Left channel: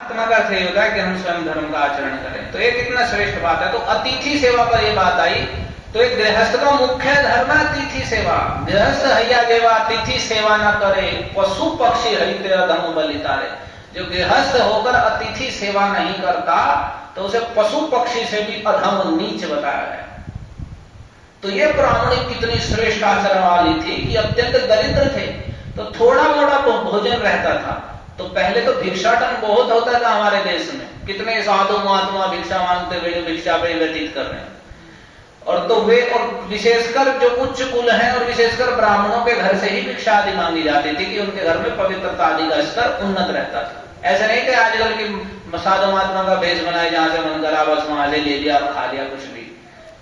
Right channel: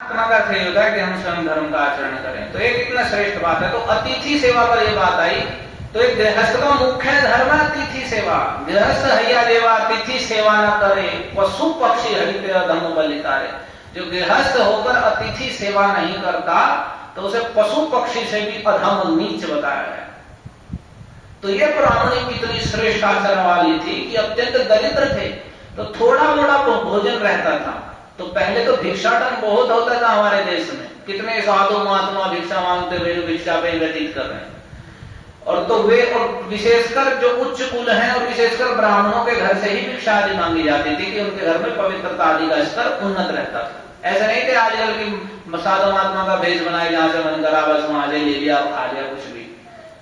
आत्मा का अर्थ होता है कि हम स्वयं धर्म का आचरण करें, तो ये कितना श्रेष्ठ बात है। तो अतिथि सेवा पर ये बात आई, तो एक गृहस्थ का मुख्य धर्म है अतिथि सेवा। गृहस्थ हैया देवा अतिथि सेवा न करे, पशु पक्षी हरित अधम बलितारे। जो गृहस्थ होकर अतिथि सेवा नहीं करता तो उसे पशु पक्षी से भी अधम नीच बताया है। तो ये ब्राह्मणी कितनी श्रेष्ठ आचरण वाली थी कि अत्यंत दरिद्र थे, तो थोड़ा मोड़ा भोजन रहता था। तो पहले तो भिक्षाटन बहुत होता था हमारे देश में, कितने साधु महात्मा भिक्षा मांगते हुए जो भिक्षा पे व्यतीत कर रहे हैं। और तो वे, और विशेषकर जो उच्च कुल हैं और विशेषकर ब्राह्मणों के घर से ही भिक्षा आदि मांगी जाती थी कि उनके घर में पवित्रता आदि का स्तर उन्नत रहता था। ऐसा नहीं कि आजकल की साधु महात्मा का भेष बनाए, जहां से मन करा बस वहां से ले लिया खा लिया कुछ भी,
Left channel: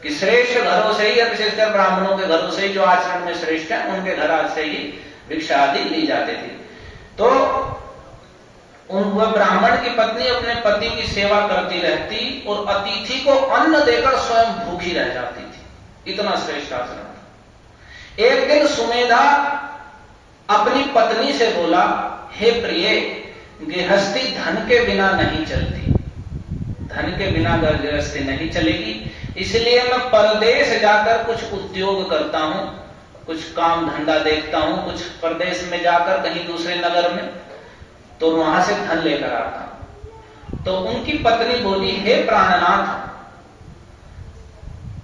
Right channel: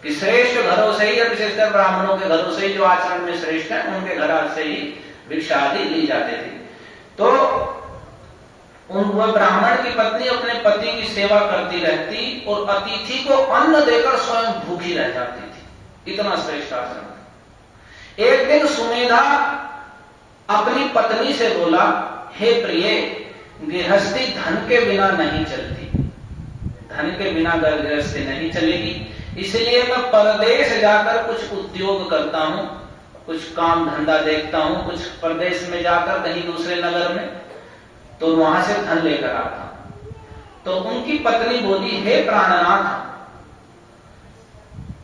कि श्रेष्ठ घरों से ही, विशेषकर ब्राह्मणों के घरों से ही जो आचरण में श्रेष्ठ है उनके घर से ही भिक्षा आदि ली जाती थी। तो वह ब्राह्मण की पत्नी अपने पति की सेवा करती रहती और अतिथि को अन्न देकर स्वयं भूखी रह जाती थी। इतना श्रेष्ठ आचरण था। एक दिन सुमेधा अपनी पत्नी से बोला, हे प्रिय, गृहस्थी धन के बिना नहीं चलती, धन के बिना गृहस्थी नहीं चलेगी, इसलिए मैं परदेश जाकर कुछ उद्योग करता हूं, कुछ काम धंधा देखता हूं, कुछ परदेश में जाकर कहीं दूसरे नगर में, तो वहां से धन लेकर आता हूं। तो उनकी पत्नी बोली, हे प्राणनाथ,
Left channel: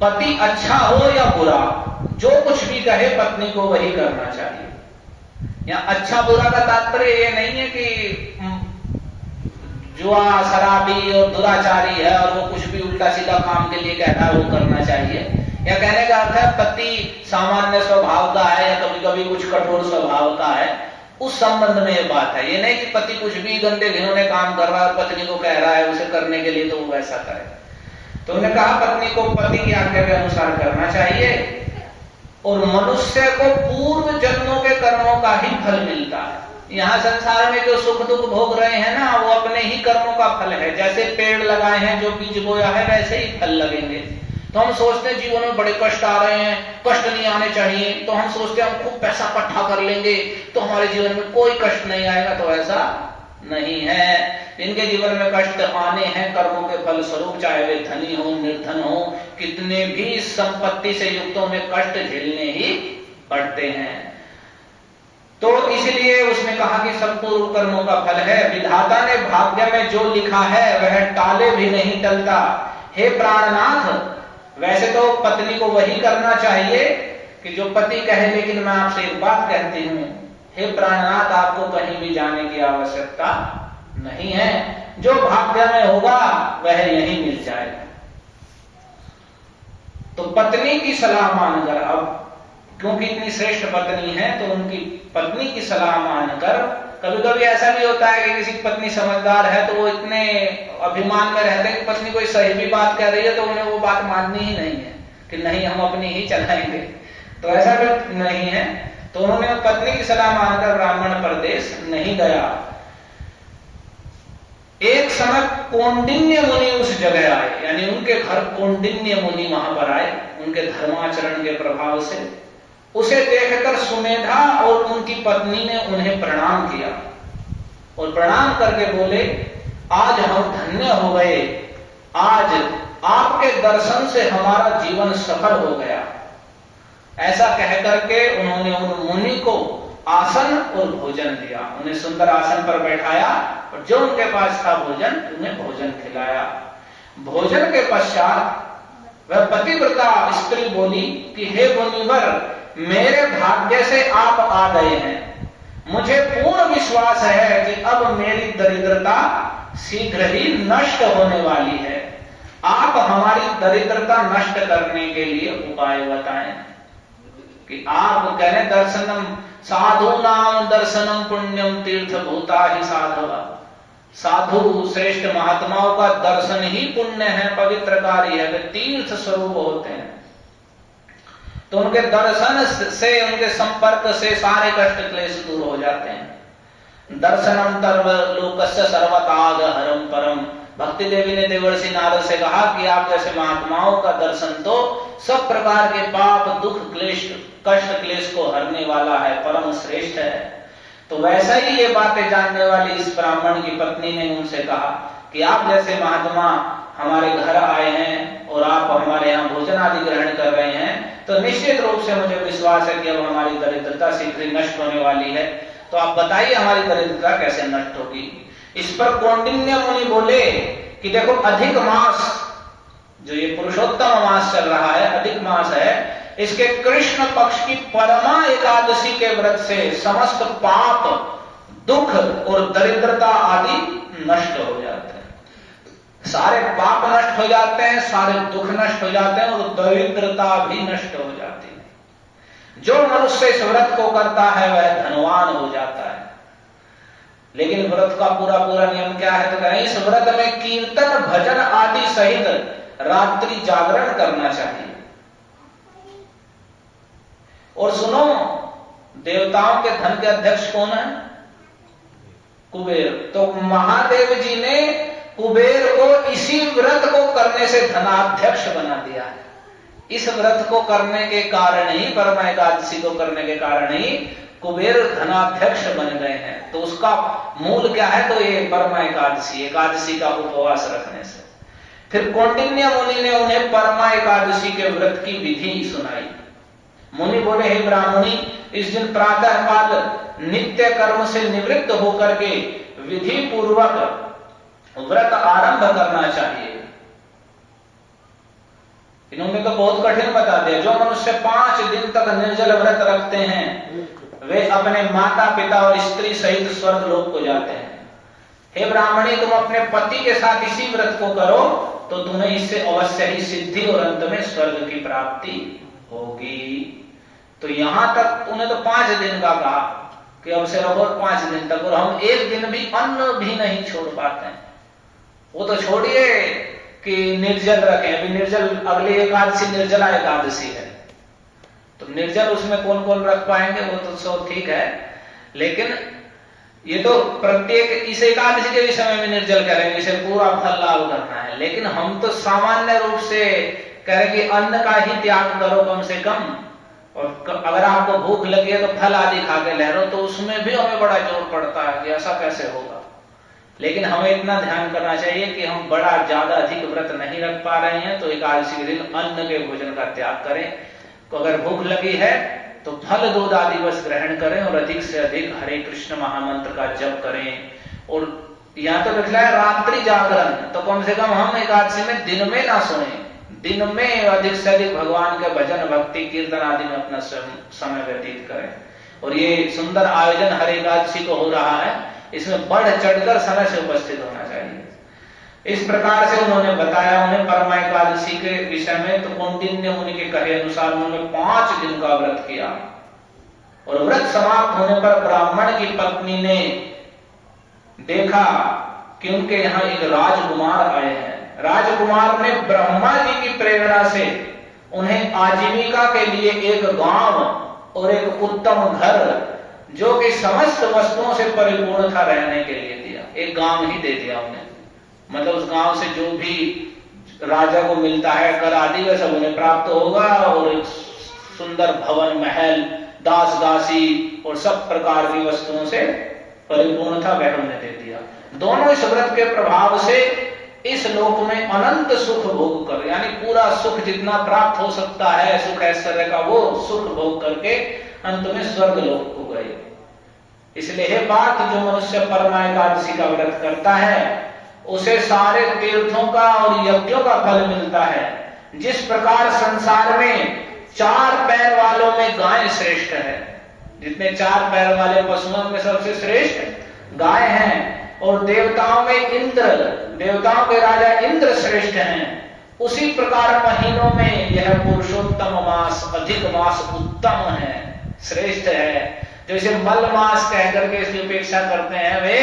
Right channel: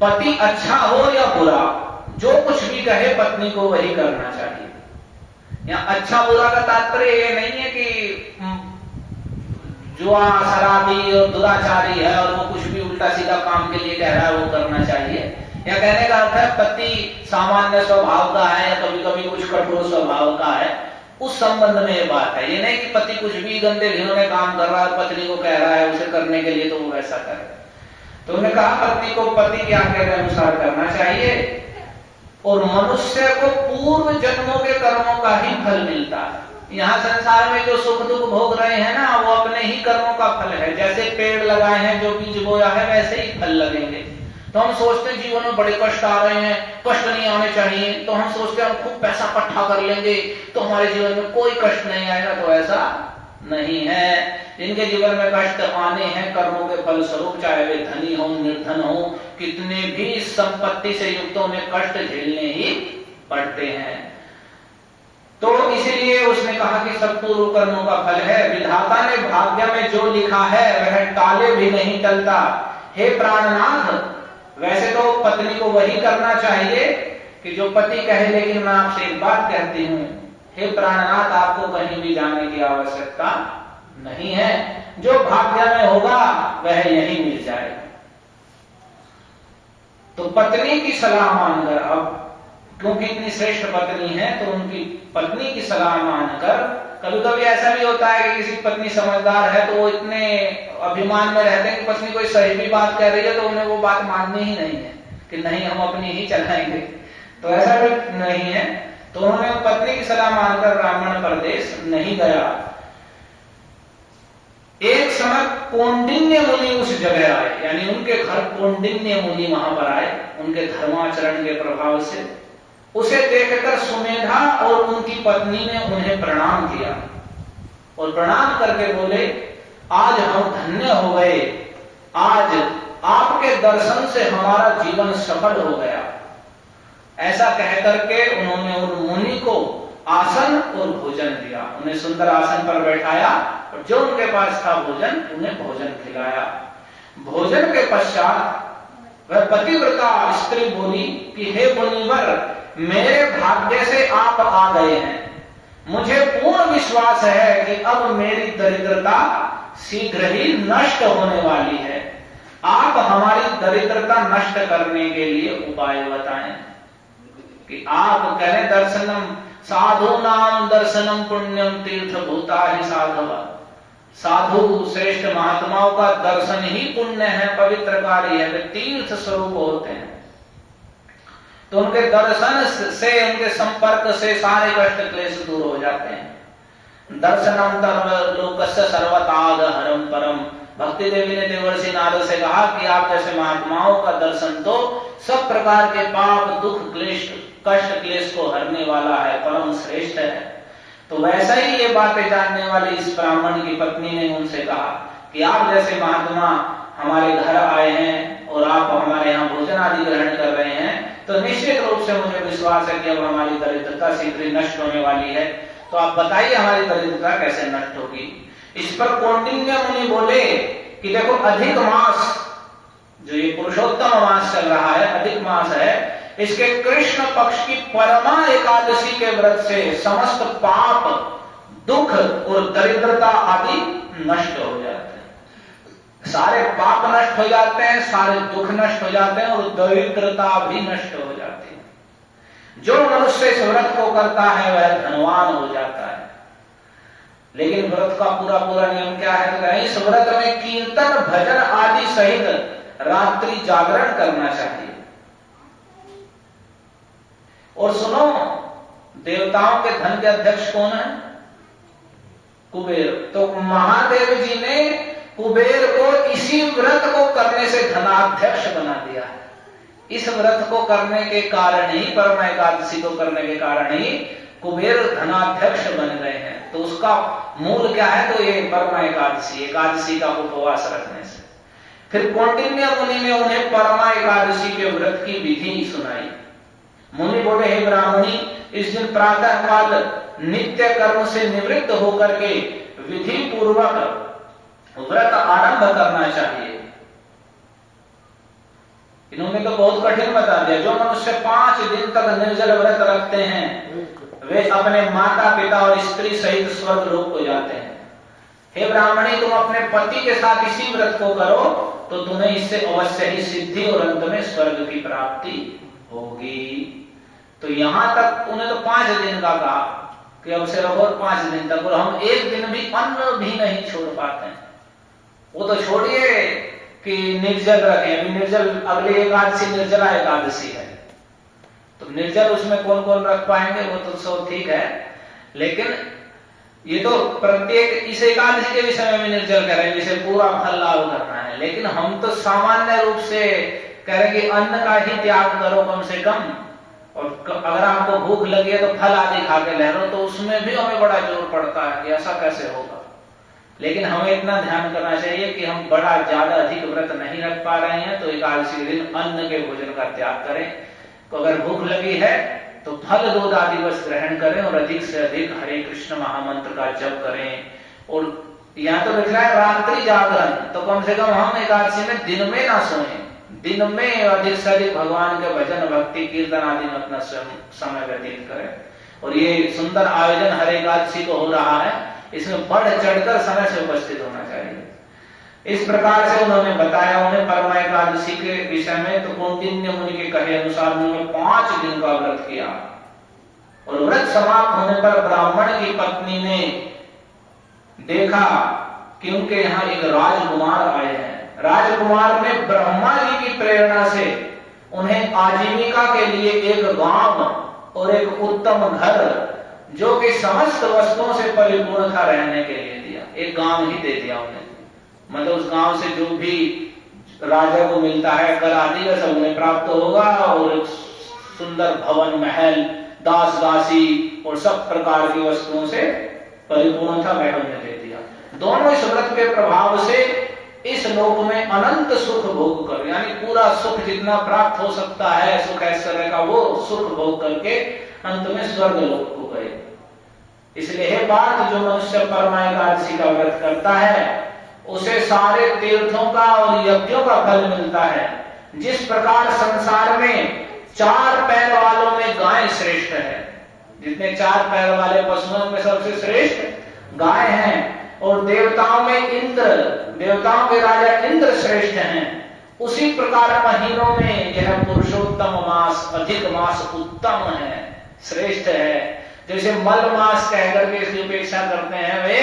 पति अच्छा हो या बुरा, जो कुछ भी कहे पत्नी को वही करना चाहिए। यहाँ अच्छा बुरा का तात्पर्य ये नहीं है कि जुआ शराबी और दुराचारी है और वो कुछ भी उल्टा सीधा काम के लिए कह रहा है वो करना चाहिए। या कहने का अर्थ है पति सामान्य स्वभाव का है या कभी कभी कुछ कठोर स्वभाव का है, उस संबंध में ये बात है। ये नहीं कि पति कुछ भी गंदे घिनौने काम कर रहा है, पत्नी को कह रहा है उसे करने के लिए तो वो वैसा करे। तो उन्होंने कहा पत्नी को पति की आज्ञा के अनुसार करना चाहिए, और मनुष्य को पूर्व जन्मों के कर्मों का ही फल मिलता है। यहाँ संसार में जो सुख दुख भोग रहे हैं ना, वो अपने ही कर्मों का फल है। जैसे पेड़ लगाए हैं, जो बीज बोया है वैसे ही फल लगेंगे। तो हम सोचते हैं जीवन में बड़े कष्ट आ रहे हैं, कष्ट नहीं आने चाहिए, तो हम सोचते हैं हम खूब पैसा इकट्ठा कर लेंगे तो हमारे जीवन में कोई कष्ट नहीं आएगा। तो ऐसा नहीं है। जिनके जीवन में कष्ट आने हैं कर्मों के फल स्वरूप, चाहे वे धनी हो निर्धन हो, कितने भी संपत्ति से युक्तों में कष्ट झेलने ही पड़ते हैं। तो इसीलिए उसने कहा कि सब पूर्व कर्मों का फल है, विधाता ने भाग्य में जो लिखा है वह टाले भी नहीं टलता। हे प्राणनाथ, वैसे तो पत्नी को वही करना चाहिए कि जो पति कहे, लेकिन मैं आपसे एक बात कहती हूं, हे प्राणनाथ, आपको कहीं भी जाने की आवश्यकता नहीं है। जो भाग्य में होगा वह यही मिल जाएगा। तो पत्नी की सलाह मानकर, अब क्योंकि इतनी श्रेष्ठ पत्नी है तो उनकी पत्नी की सलाह मानकर, कभी कभी ऐसा भी होता है कि किसी पत्नी समझदार है तो वो इतने अभिमान में रहते हैं कि पत्नी कोई सही भी बात कह रही है तो उन्हें वो बात माननी ही नहीं है कि नहीं हम अपनी ही चलाएंगे। तो ऐसा भी नहीं है। तो उन्होंने पत्नी की सलाह मानकर ब्राह्मण प्रदेश नहीं गया। एक समय कौंडिन्य मुनि उस जगह आए, यानी उनके घर कौंडिन्य मुनि वहां पर आए, उनके धर्माचरण के प्रभाव से। उसे देखकर सुमेधा और उनकी पत्नी ने उन्हें प्रणाम किया और प्रणाम करके बोले, आज हम धन्य हो गए, आज आपके दर्शन से हमारा जीवन सफल हो गया। ऐसा कहकर के उन्होंने उन मुनि को आसन और भोजन दिया, उन्हें सुंदर आसन पर बैठाया और जो उनके पास था भोजन, उन्हें भोजन खिलाया। भोजन के पश्चात वह पतिव्रता स्त्री बोली कि हे मुनिवर, मेरे भाग्य से आप आ गए हैं। मुझे पूर्ण विश्वास है कि अब मेरी दरिद्रता शीघ्र ही नष्ट होने वाली है। आप हमारी दरिद्रता नष्ट करने के लिए उपाय बताएं। कि आप कह रहे दर्शनम साधु नाम दर्शनम पुण्यम तीर्थ भूता ही साधवा। साधु श्रेष्ठ महात्माओं का दर्शन ही पुण्य है, पवित्र कार्य है, वे तीर्थ स्वरूप होते हैं। तो उनके दर्शन से, उनके संपर्क से सारे कष्ट क्लेश दूर हो जाते हैं। दर्शनम लोकस्य सर्वताग हरम परम। भक्ति देवी ने देवर्षि नारद से कहा कि आप जैसे महात्माओं का दर्शन तो सब प्रकार के पाप दुख क्लेश कष्ट क्लेश को हरने वाला है, परम श्रेष्ठ है। तो वैसा ही ये बातें जानने वाली इस ब्राह्मण की पत्नी ने उनसे कहा कि आप जैसे महात्मा हमारे घर आए हैं और आप हमारे यहाँ भोजन आदि ग्रहण कर रहे हैं, तो निश्चित रूप से मुझे विश्वास है कि अब हमारी दरिद्रता शीघ्र ही नष्ट होने वाली है। तो आप बताइए हमारी दरिद्रता कैसे नष्ट होगी। इस पर कौंडिन्य मुनि बोले कि देखो, अधिक मास, जो ये पुरुषोत्तम मास चल रहा है, अधिक मास है, इसके कृष्ण पक्ष की परमा एकादशी के व्रत से समस्त पाप, दुख और दरिद्रता आदि नष्ट हो जाते हैं। सारे पाप नष्ट हो जाते हैं, सारे दुख नष्ट हो जाते हैं और दरिद्रता भी नष्ट हो जाती है। जो मनुष्य इस व्रत को करता है वह धनवान हो जाता है। लेकिन व्रत का पूरा पूरा नियम क्या है? तो इस व्रत में कीर्तन भजन आदि सहित रात्रि जागरण करना चाहिए। और सुनो, देवताओं के धन के अध्यक्ष कौन है? कुबेर। तो महादेव जी ने कुबेर को इसी व्रत को करने से धनाध्यक्ष बना दिया है। इस व्रत को करने के कारण ही, परमा एकादशी को करने के कारण ही कुबेर धनाध्यक्ष बन गए हैं। तो उसका मूल क्या है? तो ये परमा एकादशी, एकादशी का उपवास रखने से। फिर कौंडिन्य मुनि ने उन्हें परमा एकादशी के व्रत की विधि सुनाई। मुनि बोले, हे ब्राह्मणी, इस दिन प्रातः काल नित्य कर्म से निवृत्त होकर के विधि पूर्वक व्रत आरंभ करना चाहिए। इन्होंने तो बहुत कठिन बता दिया। जो मनुष्य 5 दिन तक निर्जल व्रत रखते हैं वे अपने माता पिता और स्त्री सहित स्वर्ग लोक को जाते हैं। हे ब्राह्मणी, तुम अपने पति के साथ इसी व्रत को करो तो तुम्हें इससे अवश्य ही सिद्धि और अंत में स्वर्ग की प्राप्ति होगी। तो यहां तक उन्हें तो 5 दिन का कहा कि अब से और 5 दिन तक, और हम एक दिन भी अन्न भी नहीं छोड़ पाते हैं। वो तो छोड़िए कि निर्जल रखें, अभी निर्जल, अगली एकादशी निर्जला एकादशी है, तो निर्जल उसमें कौन कौन रख पाएंगे? वो तो सब ठीक है, लेकिन ये तो प्रत्येक इस एकादशी के भी समय में निर्जल करेंगे, इसे पूरा फल लाभ करना है। लेकिन हम तो सामान्य रूप से करेंगे अन्न का ही त्याग करो कम से कम, और अगर आपको भूख लगी है तो फल आदि खा के लहरो, तो उसमें भी हमें बड़ा जोर पड़ता है कि ऐसा कैसे होगा। लेकिन हमें इतना ध्यान करना चाहिए कि हम बड़ा ज्यादा अधिक व्रत नहीं रख पा रहे हैं, तो एकादशी के दिन अन्न के भोजन का त्याग करें। तो अगर भूख लगी है तो फल दूध आदि बस ग्रहण करें और अधिक से अधिक हरे कृष्ण महामंत्र का जप करें। और यहाँ तो लिखा है रात्रि जागरण, तो कम से कम हम एकादशी में दिन में ना सोएं, दिन में अधिक से अधिक भगवान के भजन भक्ति कीर्तन आदि में अपना समय व्यतीत करें। और ये सुंदर आयोजन हर एकादशी को हो रहा है, इसमें बढ़ चढ़कर समय से उपस्थित होना चाहिए। इस प्रकार से उन्होंने बताया उन्हें परमा एकादशी के विषय में। तो कौंडिन्य मुनि के कहे अनुसार उन्होंने 5 दिन का व्रत किया। और व्रत समाप्त होने पर ब्राह्मण की पत्नी ने देखा कि उनके यहाँ एक राजकुमार आए हैं। राजकुमार ने ब्रह्मा जी की प्रेरणा से उन्हें आजीविका के लिए एक गांव और एक उत्तम घर, जो कि समस्त वस्तुओं से परिपूर्ण था, रहने के लिए दिया। एक गांव ही दे दिया उन्हें, मतलब उस गांव से जो भी राजा को मिलता है कर आदि का सब उन्हें प्राप्त होगा, और सुंदर भवन महल दास दासी और सब प्रकार की वस्तुओं से परिपूर्ण था, वह उन्हें दे दिया। दोनों इस व्रत के प्रभाव से इस लोक में अनंत सुख भोग कर, यानी पूरा सुख जितना प्राप्त हो सकता है सुख ऐश्वर्य का, वो सुख भोग करके अंत में स्वर्ग लोक को गए। इसलिए हे बात, जो मनुष्य परमा एकादशी का व्रत करता है उसे सारे तीर्थों का और यज्ञों का फल मिलता है। जिस प्रकार संसार में 4 पैर वालों में गाय श्रेष्ठ है, जितने 4 पैर वाले पशुओं में सबसे श्रेष्ठ गाय हैं, और देवताओं में इंद्र, देवताओं के राजा इंद्र श्रेष्ठ हैं, उसी प्रकार महीनों में यह पुरुषोत्तम मास, अधिक मास उत्तम है, श्रेष्ठ है। जैसे मल मास कहकर के इसकी उपेक्षा करते हैं वे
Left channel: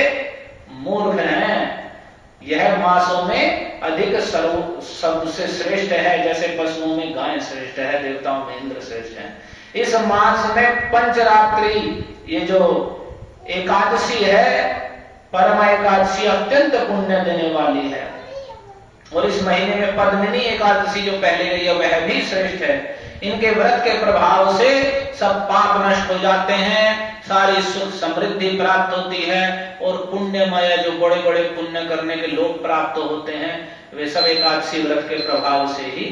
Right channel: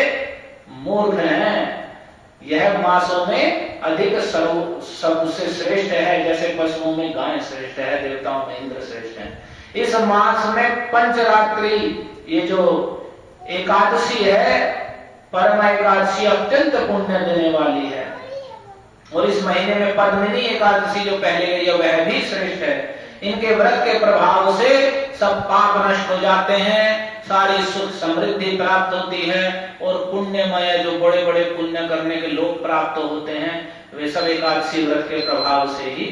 मूर्ख हैं। यह मासों में अधिक सबसे श्रेष्ठ है, जैसे पशुओं में गाय श्रेष्ठ है, देवताओं में इंद्र श्रेष्ठ है। इस मास में पंचरात्रि, ये जो एकादशी है परमा एकादशी, अत्यंत पुण्य देने वाली है। और इस महीने में पद्मिनी एकादशी जो पहले गई है वह भी श्रेष्ठ है। इनके व्रत के प्रभाव से सब पाप नष्ट हो जाते हैं, सारी सुख समृद्धि प्राप्त होती है और पुण्यमय जो बड़े बड़े पुण्य करने के लोग प्राप्त होते हैं वे सब एकादशी व्रत के प्रभाव से ही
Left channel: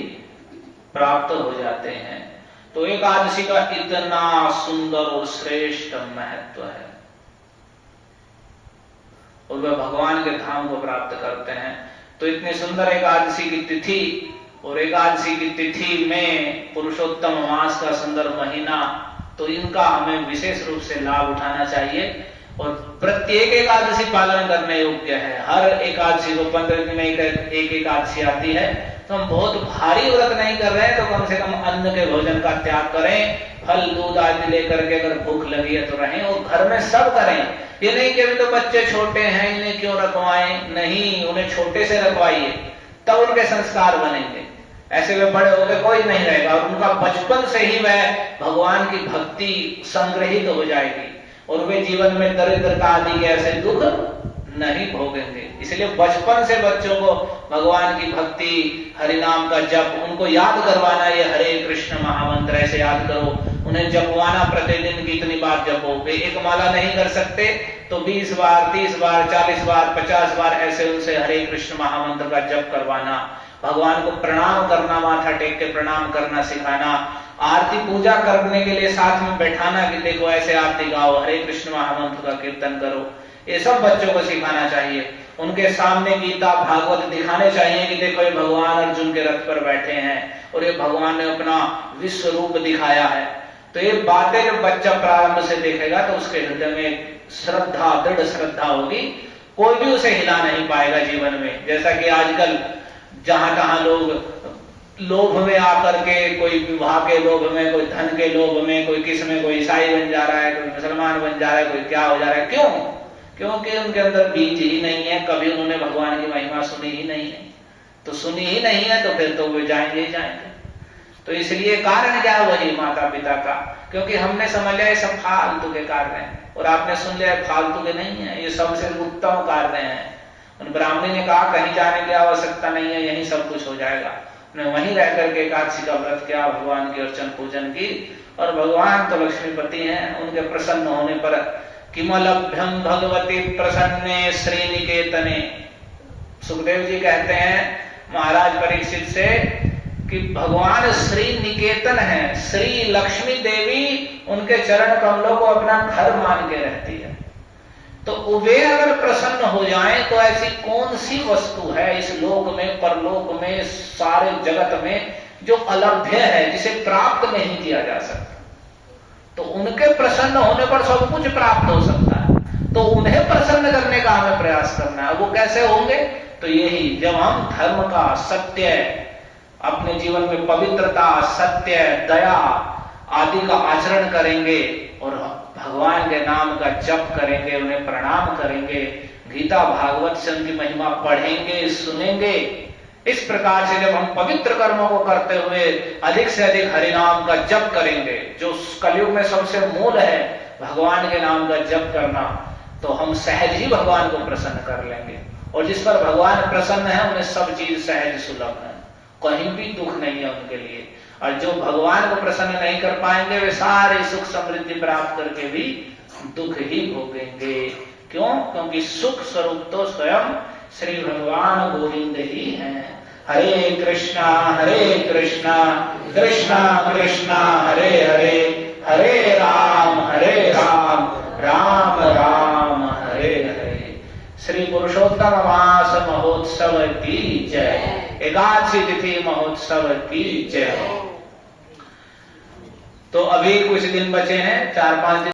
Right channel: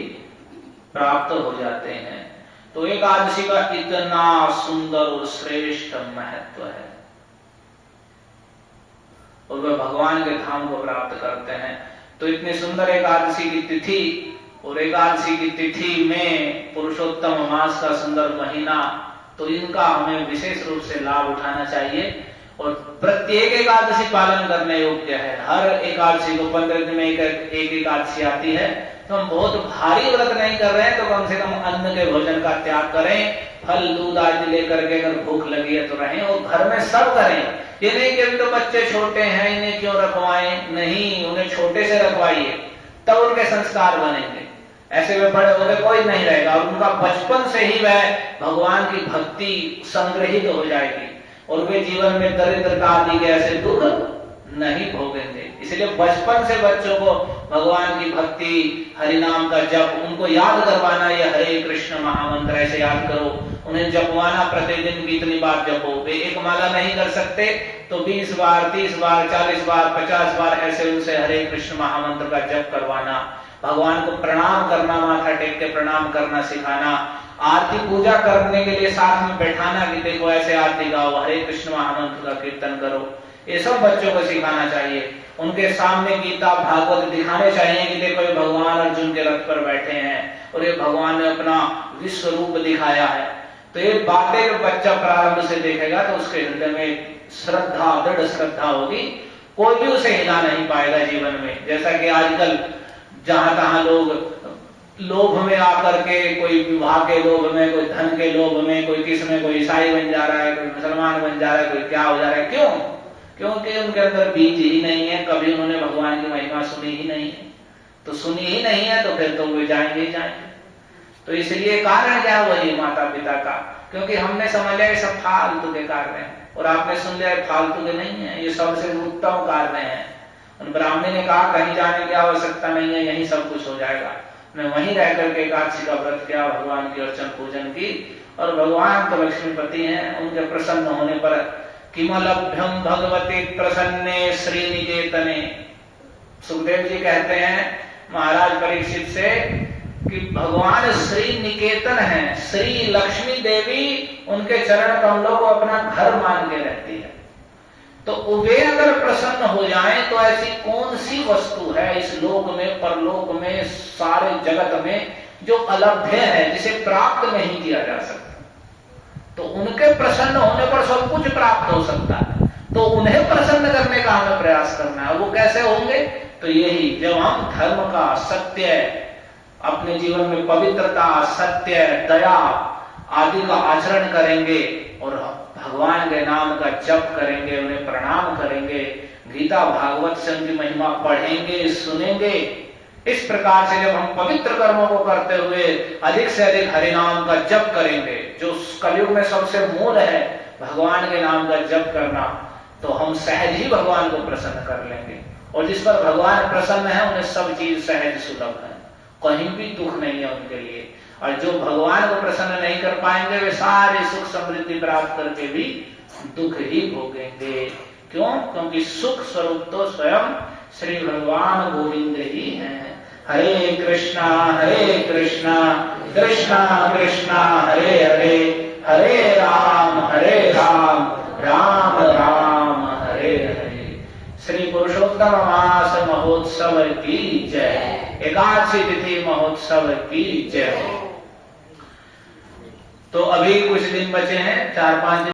प्राप्त हो जाते हैं। तो एकादशी का इतना सुंदर और श्रेष्ठ महत्व है और वह भगवान के धाम को प्राप्त करते हैं। तो इतनी सुंदर एकादशी की तिथि और एकादशी की तिथि में पुरुषोत्तम मास का सुंदर महीना, तो इनका हमें विशेष रूप से लाभ उठाना चाहिए और प्रत्येक एकादशी पालन करने योग्य है। हर एकादशी को 15 दिन में एक एकादशी आती है, तो हम बहुत भारी व्रत नहीं कर रहे हैं तो कम से कम अन्न के भोजन का त्याग करें, फल दूध आदि लेकर के अगर भूख लगी है तो रहें और घर में सब करें। ये नहीं कि अभी तो बच्चे छोटे हैं इन्हें क्यों रखवाएं, नहीं, उन्हें छोटे से रखवाइए तब उनके संस्कार बनेंगे। ऐसे वे बड़े होकर कोई नहीं रहेगा और उनका बचपन से ही वह भगवान की भक्ति संग्रहित हो जाएगी और वे जीवन में दरिद्रता आदि के ऐसे दुख नहीं भोगेंगे। इसलिए बचपन से बच्चों को भगवान की भक्ति, हरिनाम का जप, उनको याद करवाना, ये हरे कृष्ण महामंत्र ऐसे याद करो, उन्हें जपवाना, प्रतिदिन कितनी बार जपो। वे एक माला नहीं कर सकते तो 20 बार, 30 बार, 40 बार, 50 बार ऐसे उनसे हरे कृष्ण महामंत्र का जप करवाना। भगवान को प्रणाम करना, माथा टेक के प्रणाम करना सिखाना। आरती पूजा करने के लिए साथ में बैठाना कि देखो ऐसे आरती गाओ, हरे कृष्ण महामंत्र का कीर्तन करो, ये सब बच्चों को सिखाना चाहिए। उनके सामने गीता भागवत दिखाने चाहिए कि देखो ये भगवान अर्जुन के रथ पर बैठे हैं और ये भगवान ने अपना विश्व रूप दिखाया है। तो ये बातें जब बच्चा प्रारंभ से देखेगा तो उसके हृदय में श्रद्धा, दृढ़ श्रद्धा होगी, कोई भी उसे हिला नहीं पाएगा जीवन में। जैसा कि आजकल जहां तहां लोभ में आकर के, कोई विवाह के लोभ में, कोई धन के लोभ में, कोई किस में, कोई ईसाई बन जा रहा है, कोई मुसलमान बन जा रहा है, कोई क्या हो जा रहा है। क्यों? क्योंकि उनके अंदर बीज ही नहीं है, कभी उन्होंने भगवान की महिमा सुनी ही नहीं है। तो सुनी ही नहीं है तो फिर तो वे जाएंगे ही जाएंगे। तो इसलिए कारण क्या वही माता पिता का, क्योंकि हमने समझ लिया ये सब फालतू के कार्य हैं और आपने सुन लिया फालतू के नहीं है, ये सबसे उत्तम कार्य हैं। ब्राह्मणी ने कहा कहीं जाने की आवश्यकता नहीं है, यही सब कुछ हो जाएगा। उन्हें वहीं रह करके एकादशी का व्रत किया, भगवान की अर्चन पूजन की और भगवान तो लक्ष्मीपति हैं, उनके प्रसन्न होने पर किमलभ्यम भगवती प्रसन्ने श्री निकेतने। सुखदेव जी कहते हैं महाराज परीक्षित से कि भगवान श्री निकेतन है, श्री लक्ष्मी देवी उनके चरण कमलों को अपना घर मान के रहती है। तो वे अगर प्रसन्न हो जाएं तो ऐसी कौन सी वस्तु है इस लोक में, परलोक में, सारे जगत में जो अलभ्य है, जिसे प्राप्त नहीं किया जा सकता। तो उनके प्रसन्न होने पर सब कुछ प्राप्त हो सकता है, तो उन्हें प्रसन्न करने का हमें प्रयास करना है। वो कैसे होंगे? तो यही, जब हम धर्म का, सत्य, अपने जीवन में पवित्रता, सत्य, दया आदि का आचरण करेंगे और भगवान के नाम का जप करेंगे, उन्हें प्रणाम करेंगे, गीता भागवत से उनकी महिमा पढ़ेंगे, सुनेंगे। इस प्रकार से जब हम पवित्र कर्मों को करते हुए अधिक से अधिक हरिनाम का जप करेंगे, जो कलयुग में सबसे मूल है भगवान के नाम का जप करना, तो हम सहज ही भगवान को प्रसन्न कर लेंगे। और जिस पर भगवान प्रसन्न है उन्हें सब चीज सहज सुलभ है, कहीं भी दुख नहीं है उनके लिए। और जो भगवान को प्रसन्न नहीं कर पाएंगे वे सारे सुख समृद्धि प्राप्त करके भी दुख ही भोगेंगे। क्यों? क्योंकि सुख स्वरूप तो स्वयं श्री भगवान गोविंद ही हैं। हरे कृष्णा कृष्णा कृष्णा हरे हरे, हरे राम राम राम हरे हरे। श्री पुरुषोत्तम मास महोत्सव की जय, एकादशी तिथि महोत्सव की जय। तो अभी कुछ दिन बचे हैं, 4-5 दिन।